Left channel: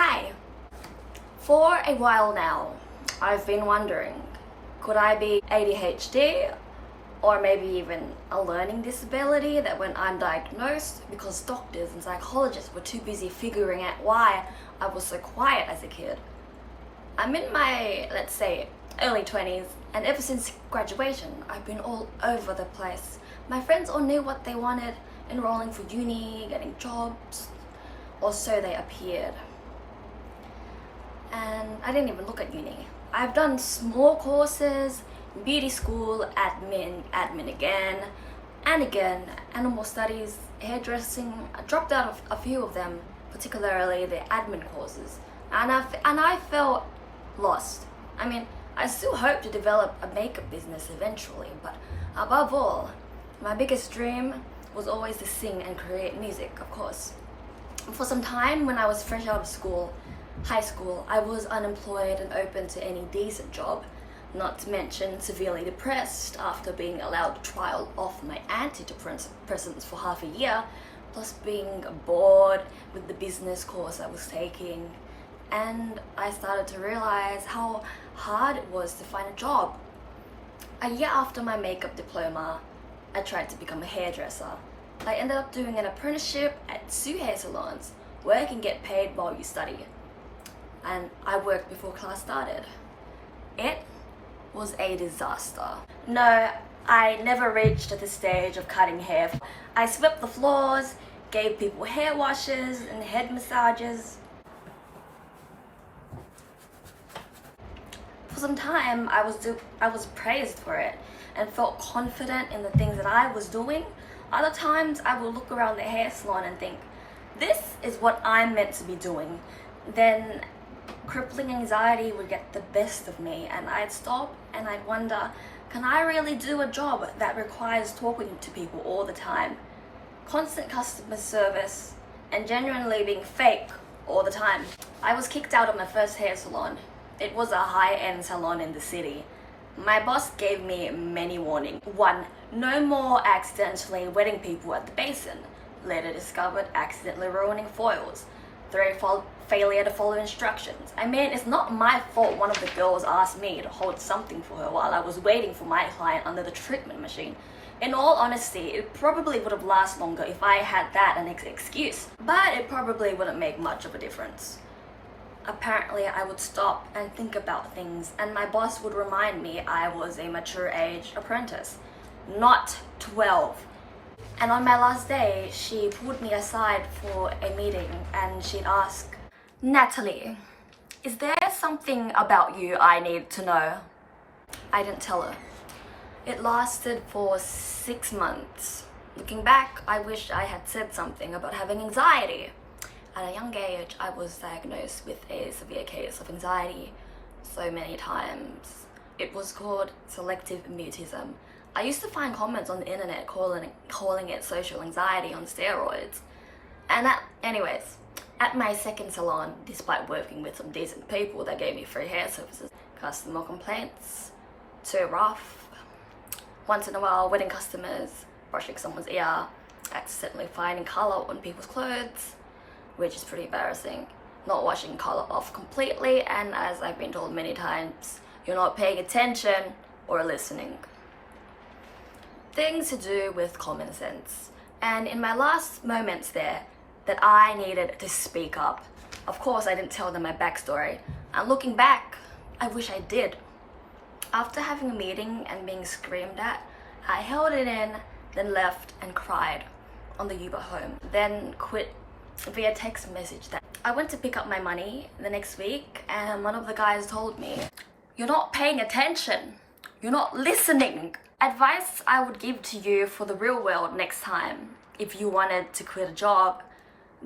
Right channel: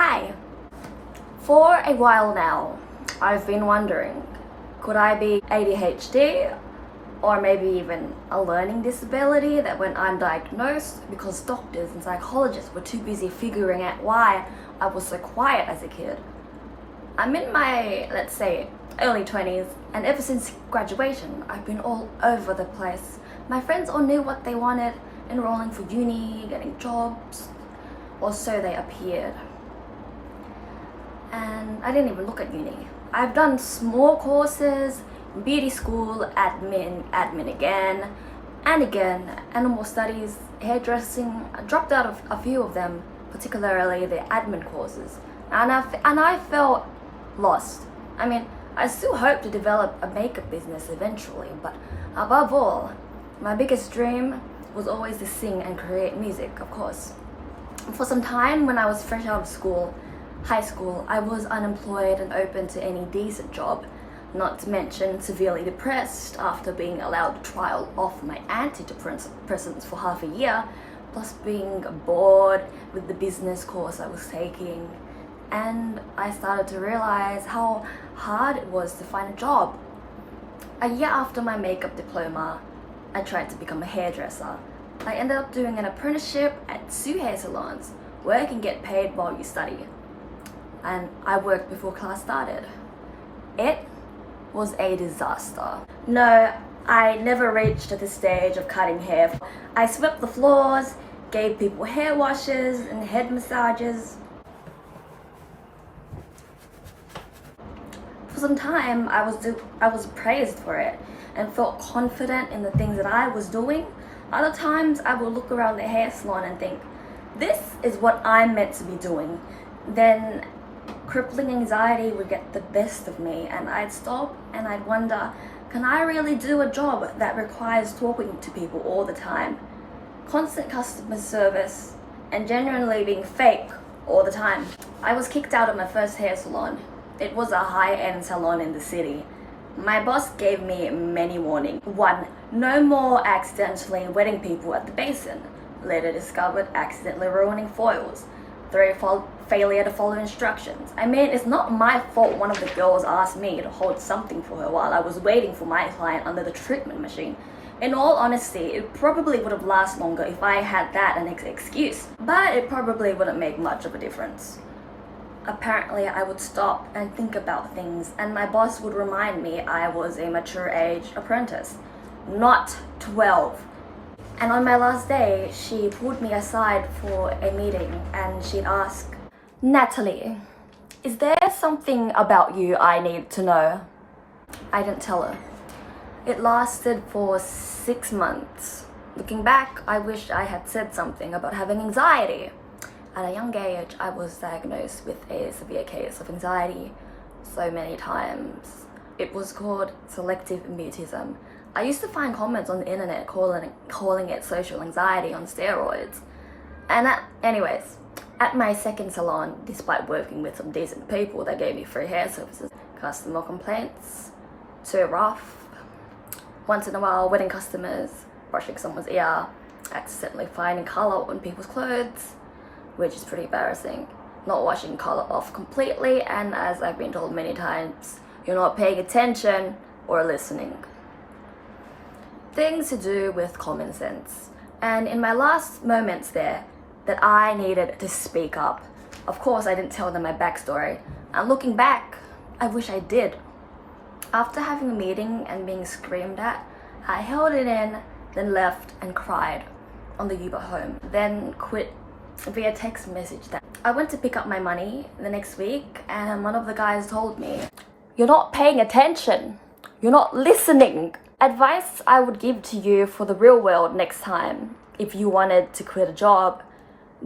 Hi! For a while now, I've been wondering, could I be ADHD or maybe even a learning disability that went undiagnosed because doctors and psychologists were too busy figuring out why I was so quiet as a kid. I'm in my, let's say, early 20s, and ever since graduation, I've been all over the place. My friends all knew what they wanted, enrolling for uni, getting jobs, or so they appeared. And I didn't even look at uni. I've done small courses, beauty school, admin again and again, animal studies, hairdressing. I dropped out of a few of them, particularly the admin courses, and I felt lost. I mean, I still hope to develop a makeup business eventually, but above all, my biggest dream was always to sing and create music, of course. For some time when I was fresh out of high school, I was unemployed and open to any decent job, not to mention severely depressed after being allowed to trial off my antidepressants for half a year, plus being bored with the business course I was taking. And I started to realize how hard it was to find a job. A year after my makeup diploma, I tried to become a hairdresser. I ended up doing an apprenticeship at 2 hair salons, work and get paid while you study. And I worked before class started. It was a disaster. No, I never reached the stage of cutting hair. I swept the floors, gave people hair washes and head massages. For some time, I was praised for it and felt confident in the things that I was doing. Other times, I would look around the hair salon and think, this is what I'm meant to be doing. Then crippling anxiety would get the best of me, and I'd stop and I'd wonder, can I really do a job that requires talking to people all the time? Constant customer service and genuinely being fake all the time. I was kicked out of my first hair salon. It was a high-end salon in the city. My boss gave me many warnings. 1. No more accidentally wetting people at the basin. Later discovered accidentally ruining foils. 3. Failure to follow instructions. I mean, it's not my fault one of the girls asked me to hold something for her while I was waiting for my client under the treatment machine. In all honesty, it probably would have lasted longer if I had that an excuse, but it probably wouldn't make much of a difference. Apparently, I would stop and think about things, and my boss would remind me I was a mature-aged apprentice, not 12. And on my last day, she pulled me aside for a meeting and she'd ask, Natalie, is there something about you I need to know? I didn't tell her. It lasted for 6 months. Looking back, I wish I had said something about having anxiety. At a young age, I was diagnosed with a severe case of anxiety so many times. It was called selective mutism. I used to find comments on the internet calling it social anxiety on steroids. And anyways, at my second salon, despite working with some decent people that gave me free hair services, customer complaints, too rough, once in a while wetting customers, brushing someone's ear, accidentally finding color on people's clothes, which is pretty embarrassing, not washing color off completely, and as I've been told many times, you're not paying attention or listening. Things to do with common sense. And in my last moments there, that I needed to speak up. Of course, I didn't tell them my backstory. And looking back, I wish I did. After having a meeting and being screamed at, I held it in, then left and cried on the Uber home, then quit via text message. That I went to pick up my money the next week, and one of the guys told me, you're not paying attention. You're not listening. Advice I would give to you for the real world next time, if you wanted to quit a job,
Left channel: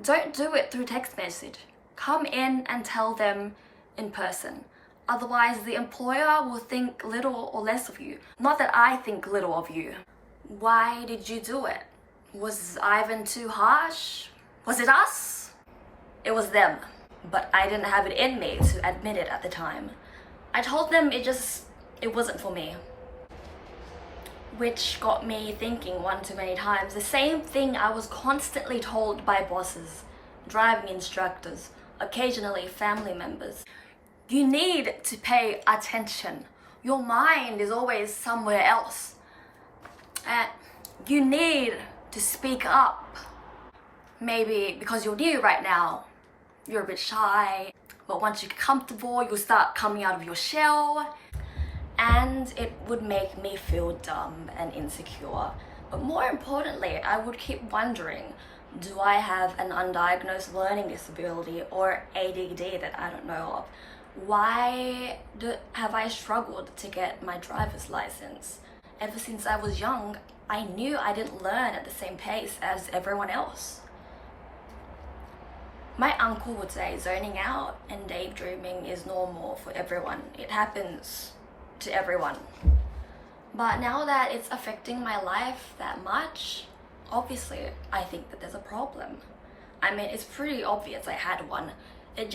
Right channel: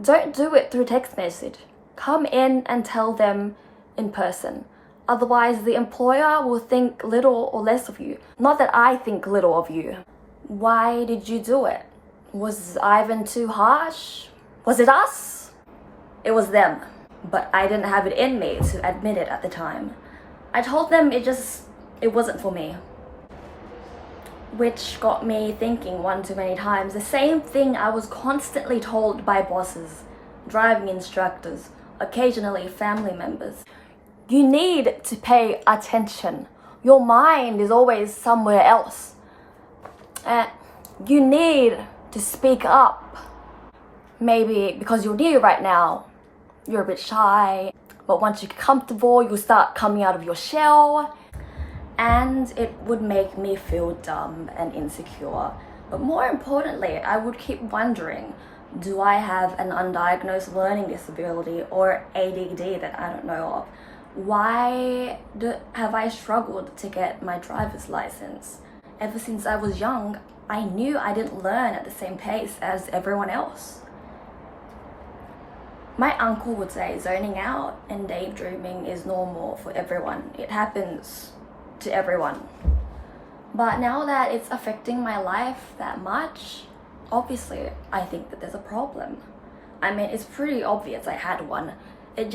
don't do it through text message. Come in and tell them in person. Otherwise, the employer will think little or less of you. Not that I think little of you. Why did you do it? Was Ivan too harsh? Was it us? It was them. But I didn't have it in me to admit it at the time. I told them it wasn't for me. Which got me thinking one too many times the same thing I was constantly told by bosses, driving instructors, occasionally family members. You need to pay attention. Your mind is always somewhere else. And you need to speak up. Maybe because you're new right now, you're a bit shy, but once you get comfortable, you'll start coming out of your shell, and it would make me feel dumb and insecure. But more importantly, I would keep wondering, do I have an undiagnosed learning disability or ADD that I don't know of? Why have I struggled to get my driver's license? Ever since I was young, I knew I didn't learn at the same pace as everyone else. My uncle would say zoning out and daydreaming is normal for everyone. It happens to everyone. But now that it's affecting my life that much, obviously I think that there's a problem. I mean, it's pretty obvious I had one. It's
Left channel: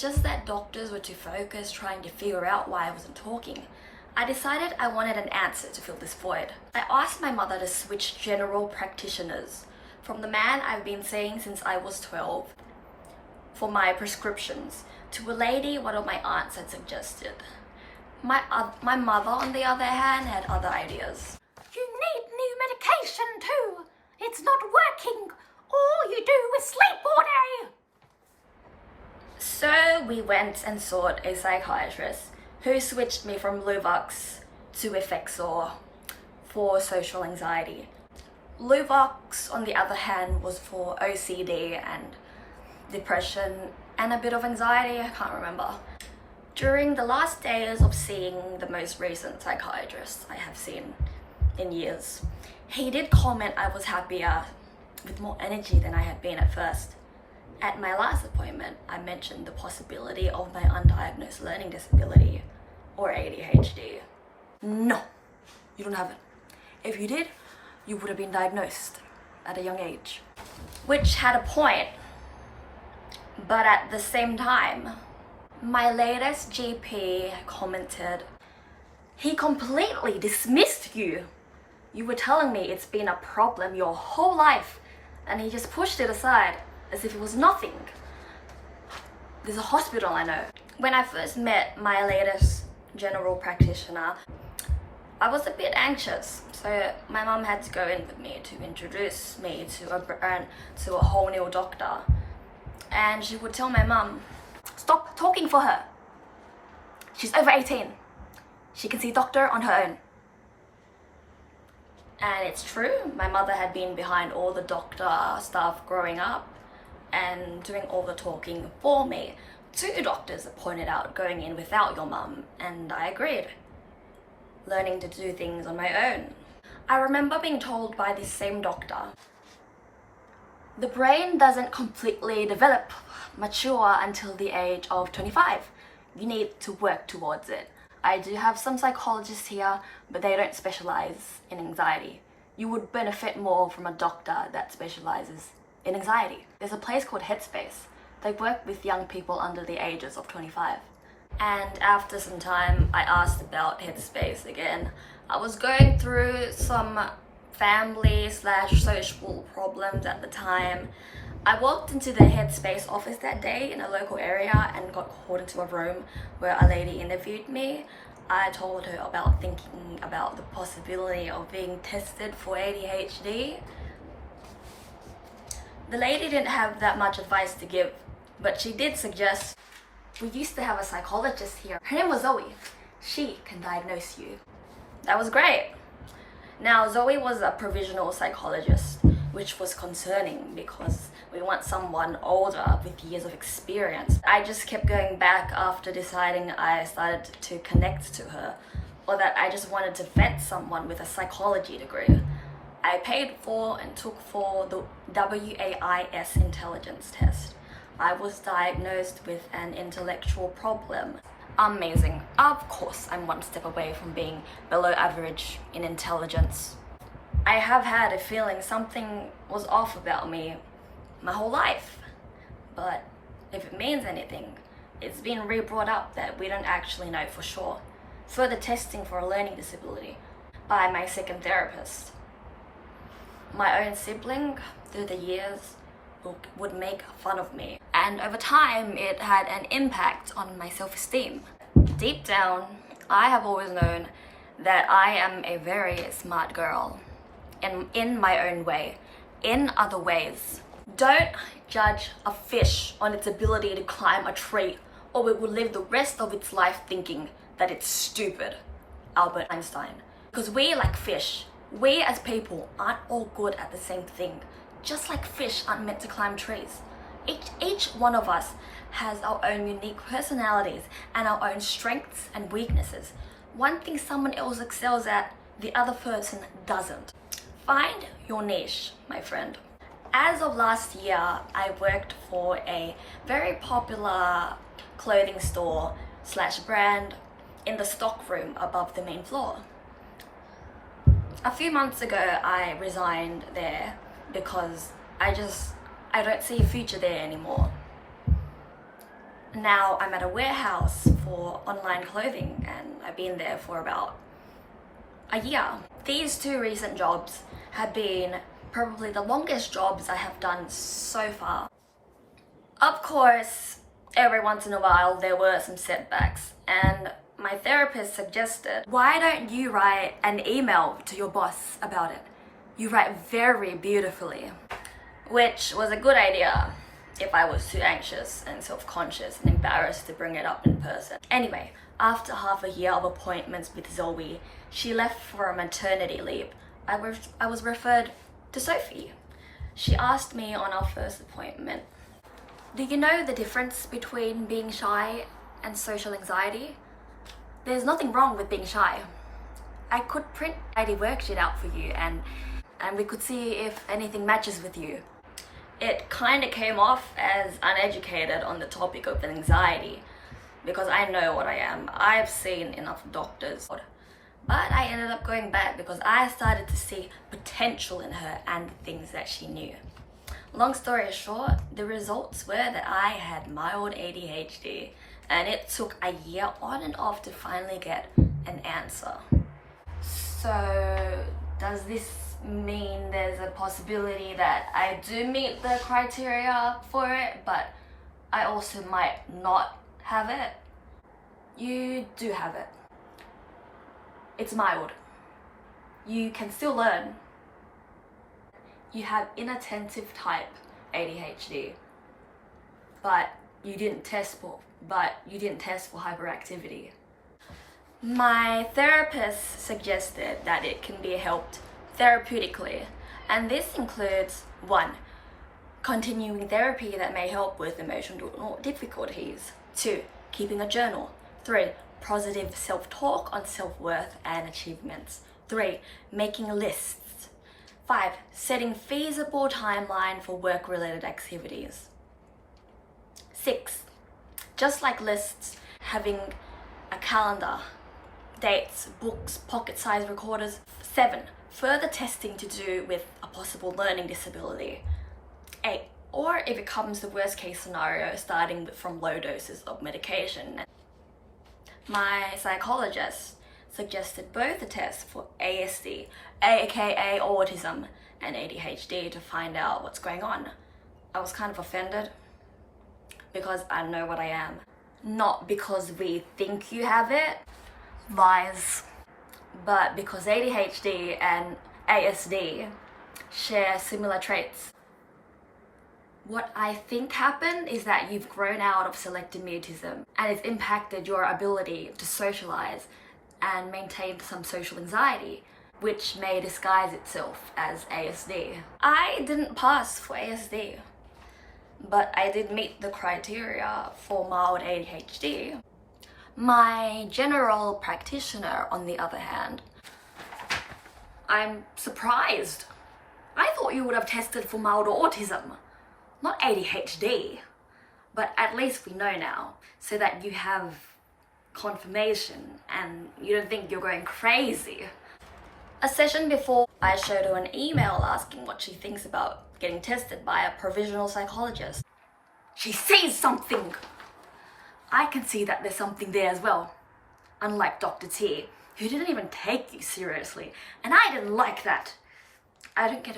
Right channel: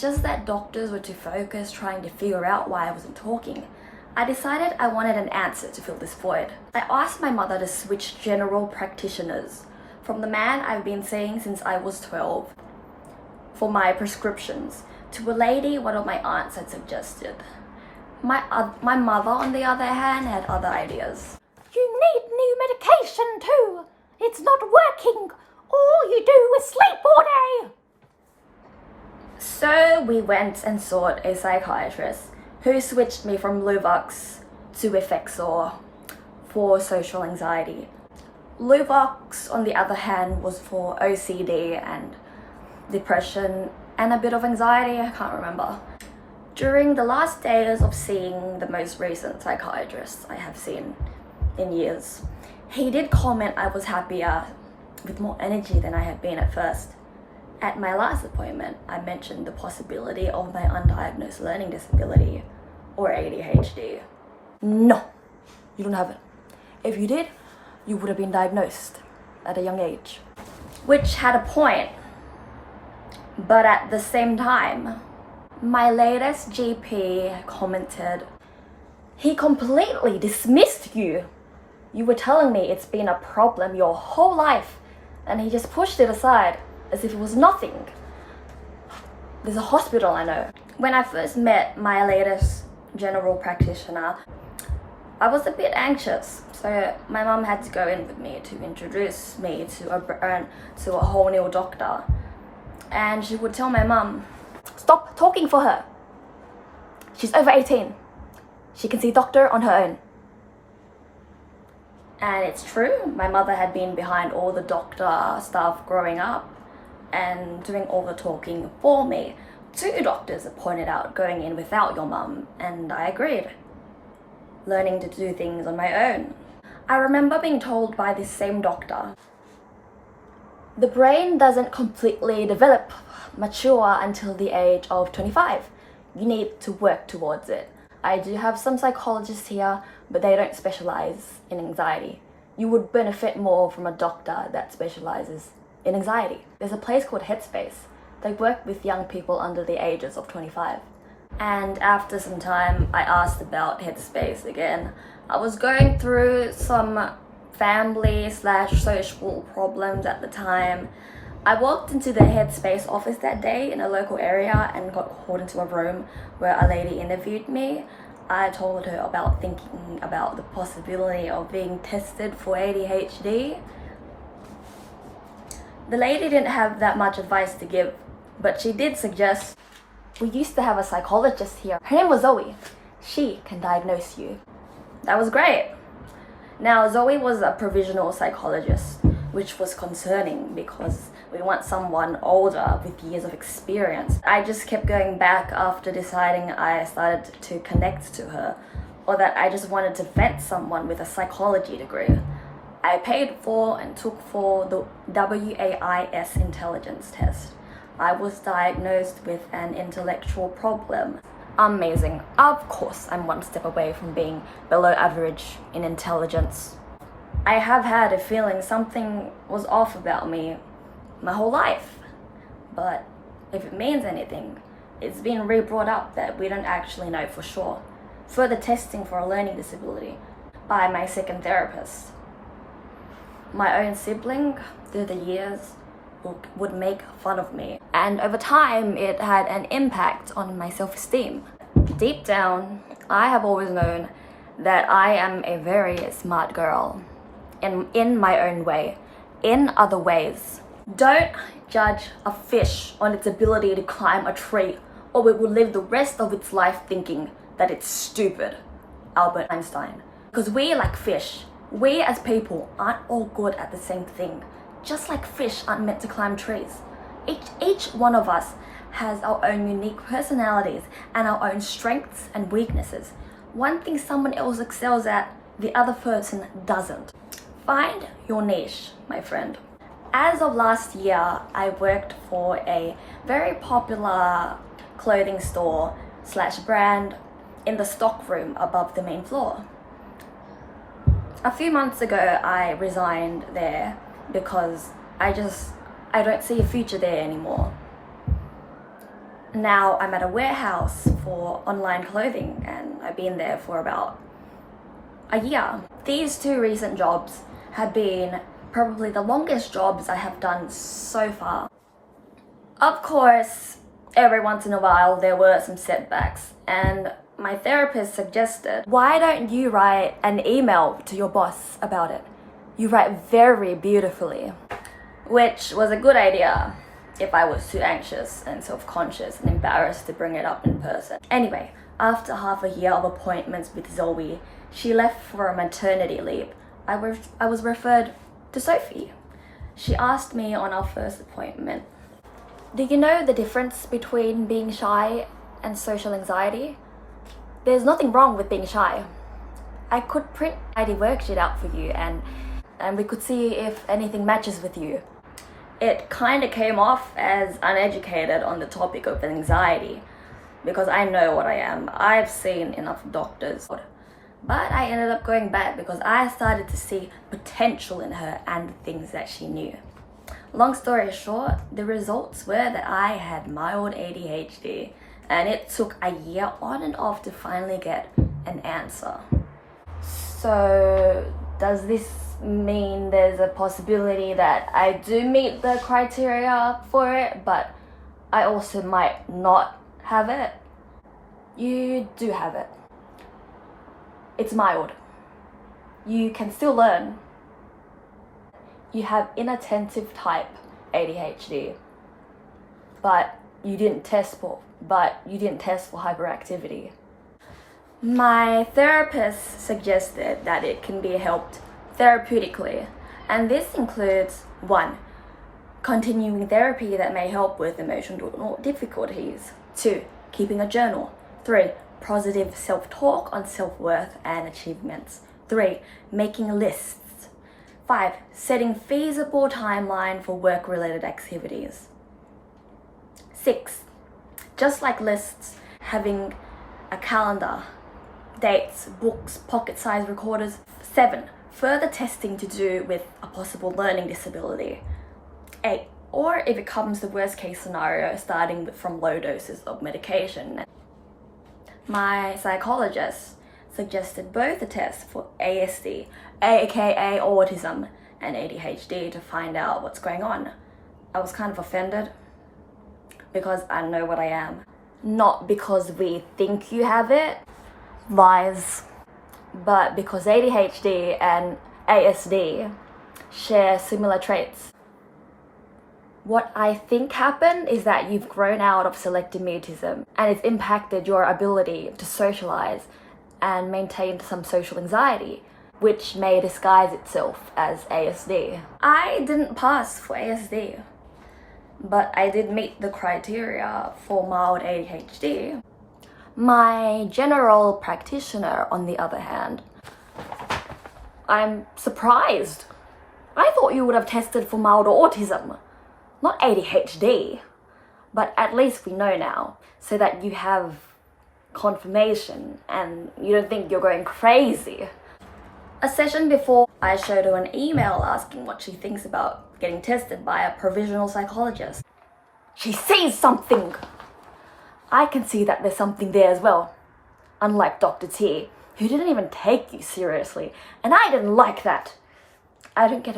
just that doctors were too focused trying to figure out why I wasn't talking. I decided I wanted an answer to fill this void. I asked my mother to switch general practitioners from the man I've been seeing since I was 12 for my prescriptions to a lady one of my aunts had suggested. My mother, on the other hand, had other ideas. You need new medication too. It's not working. All you do is sleep all day. So we went and sought a psychiatrist who switched me from Luvox to Effexor for social anxiety. Luvox, on the other hand, was for OCD and depression and a bit of anxiety, I can't remember. During the last days of seeing the most recent psychiatrist I have seen in years, he did comment I was happier with more energy than I had been at first. At my last appointment, I mentioned the possibility of my undiagnosed learning disability, or ADHD. No, you don't have it. If you did, you would have been diagnosed at a young age. Which had a point, but at the same time, my latest GP commented, he completely dismissed you. You were telling me it's been a problem your whole life, and he just pushed it aside as if it was nothing. There's a hospital I know. When I first met my latest general practitioner, I was a bit anxious, so my mum had to go in with me to introduce me to a whole new doctor. And she would tell my mum, stop talking for her. She's over 18. She can see doctor on her own. And it's true, my mother had been behind all the doctor stuff growing up and doing all the talking for me. 2 doctors pointed out going in without your mum, and I agreed. Learning to do things on my own. I remember being told by this same doctor, the brain doesn't completely develop, mature until the age of 25. You need to work towards it. I do have some psychologists here, but they don't specialize in anxiety. You would benefit more from a doctor that specializes in anxiety. There's a place called Headspace. They work with young people under the ages of 25. And after some time, I asked about Headspace again. I was going through some family/social problems at the time. I walked into the Headspace office that day in a local area and got called into a room where a lady interviewed me. I told her about thinking about the possibility of being tested for ADHD. The lady didn't have that much advice to give, but she did suggest, we used to have a psychologist here. Her name was Zoe. She can diagnose you. That was great. Now, Zoe was a provisional psychologist, which was concerning because we want someone older with years of experience. I just kept going back after deciding I started to connect to her, or that I just wanted to vet someone with a psychology degree. I paid for and took for the WAIS intelligence test. I was diagnosed with an intellectual problem. Amazing. Of course, I'm one step away from being below average in intelligence. I have had a feeling something was off about me my whole life. But if it means anything, it's been re-brought up that we don't actually know for sure. Further testing for a learning disability by my second therapist. My own sibling, through the years, would make fun of me. And over time, it had an impact on my self-esteem. Deep down, I have always known that I am a very smart girl in my own way, in other ways. Don't judge a fish on its ability to climb a tree, or it will live the rest of its life thinking that it's stupid. Albert Einstein. Because we, like fish, we as people aren't all good at the same thing. Just like fish aren't meant to climb trees. Each one of us has our own unique personalities and our own strengths and weaknesses. One thing someone else excels at, the other person doesn't. Find your niche, my friend. As of last year, I worked for a very popular clothing store / brand in the stock room above the main floor. A few months ago, I resigned there because I don't see a future there anymore. Now I'm at a warehouse for online clothing and I've been there for about a year. These 2 recent jobs have been probably the longest jobs I have done so far. Of course, every once in a while there were some setbacks, and my therapist suggested, why don't you write an email to your boss about it? You write very beautifully. Which was a good idea if I was too anxious and self-conscious and embarrassed to bring it up in person. Anyway, after half a year of appointments with Zoe, she left for a maternity leave. I was referred to Sophie. She asked me on our first appointment, do you know the difference between being shy and social anxiety? There's nothing wrong with being shy. I could print an ID worksheet out for you and we could see if anything matches with you. It kind of came off as uneducated on the topic of anxiety because I know what I am. I've seen enough doctors. But I ended up going back because I started to see potential in her and the things that she knew. Long story short, the results were that I had mild ADHD, and it took a year on and off to finally get an answer. So does this mean there's a possibility that I do meet the criteria for it, but I also might not have it? You do have it. It's mild. You can still learn. You have inattentive type ADHD, but you didn't test for hyperactivity. My therapist suggested that it can be helped therapeutically, and this includes 1. Continuing therapy that may help with emotional difficulties. 2. Keeping a journal. 3. Positive self-talk on self-worth and achievements. 3. Making lists. 5. Setting feasible timeline for work-related activities. 6. Just like lists, having a calendar, dates, books, pocket-sized recorders. 7. Further testing to do with a possible learning disability. 8. Or if it comes to worst-case scenario, starting from low doses of medication. My psychologist suggested both the tests for ASD, aka autism, and ADHD to find out what's going on. I was kind of offended because I know what I am. Not because we think you have it, lies, but because ADHD and ASD share similar traits. What I think happened is that you've grown out of selective mutism and it's impacted your ability to socialize and maintain some social anxiety, which may disguise itself as ASD. I didn't pass for ASD, but I did meet the criteria for mild ADHD. My general practitioner, on the other hand, I'm surprised. I thought you would have tested for mild autism, not ADHD. But at least we know now, so that you have confirmation and you don't think you're going crazy. A session before, I showed her an email asking what she thinks about getting tested by a provisional psychologist. She sees something! I can see that there's something there as well. Unlike Dr. T, who didn't even take you seriously, and I didn't like that. I don't get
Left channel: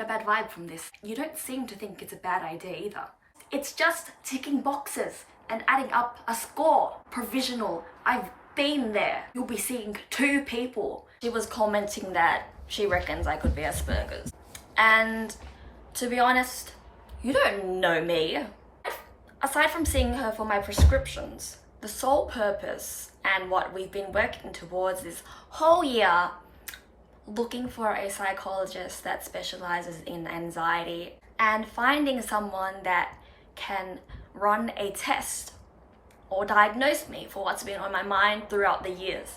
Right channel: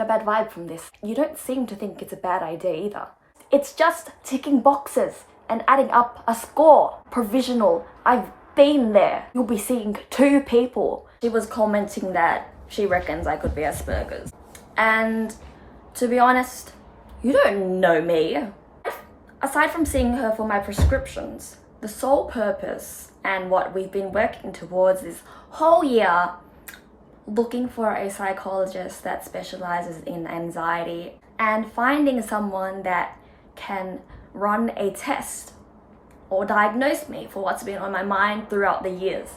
a bad vibe from this. You don't seem to think it's a bad idea either. It's just ticking boxes and adding up a score. Provisional. I've been there. You'll be seeing 2 people. She was commenting that she reckons I could be Asperger's. And to be honest, you don't know me. Aside from seeing her for my prescriptions, the sole purpose and what we've been working towards this whole year, looking for a psychologist that specializes in anxiety and finding someone that can run a test or diagnose me for what's been on my mind throughout the years,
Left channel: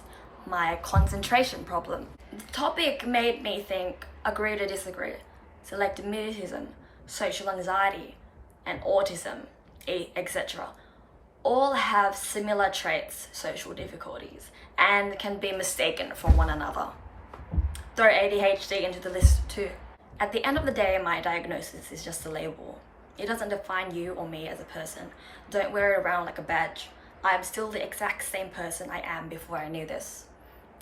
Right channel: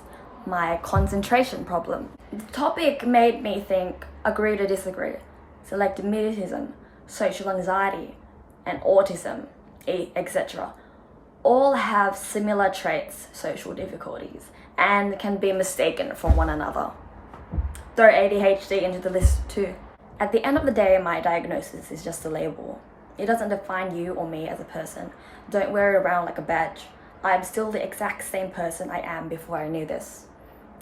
my concentration problem. The topic made me think, agree to disagree, selective mutism, social anxiety, and autism, etc. all have similar traits, social difficulties, and can be mistaken for one another. Throw ADHD into the list too. At the end of the day, my diagnosis is just a label. It doesn't define you or me as a person. Don't wear it around like a badge. I'm still the exact same person I am before I knew this.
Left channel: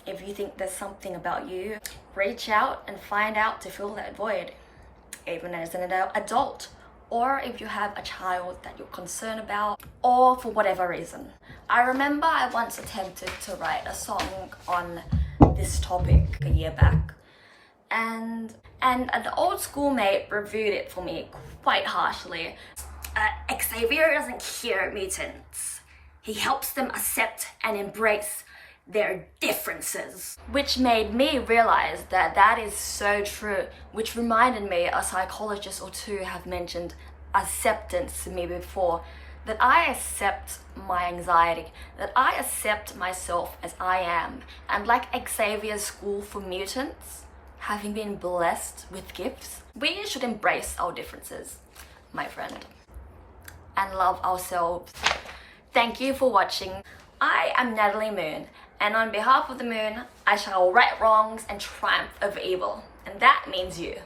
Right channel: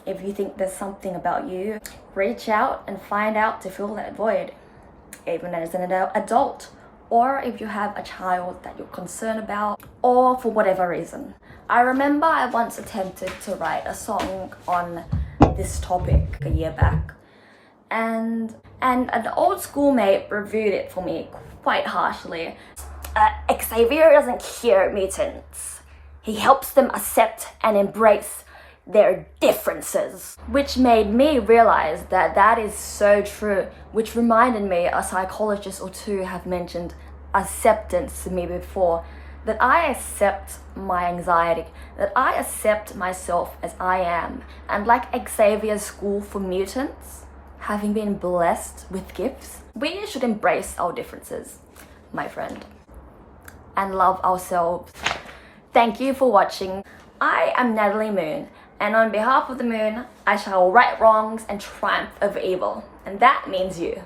If you think there's something about you, reach out and find out to fill that void, even as an adult, or if you have a child that you're concerned about, or for whatever reason. I remember I once attempted to write a song on this topic a year back, and an old schoolmate reviewed it for me quite harshly. Xavier doesn't cure mutants. He helps them accept and embrace their differences. Which made me realize that that is so true, which reminded me a psychologist or two have mentioned acceptance to me before, that I accept my anxiety, that I accept myself as I am. And like Xavier's School for Mutants, having been blessed with gifts, we should embrace our differences, my friend, and love ourselves. Thank you for watching. I am Natalie Moon, and on behalf of the moon, I shall right wrongs and triumph over evil. And that means you.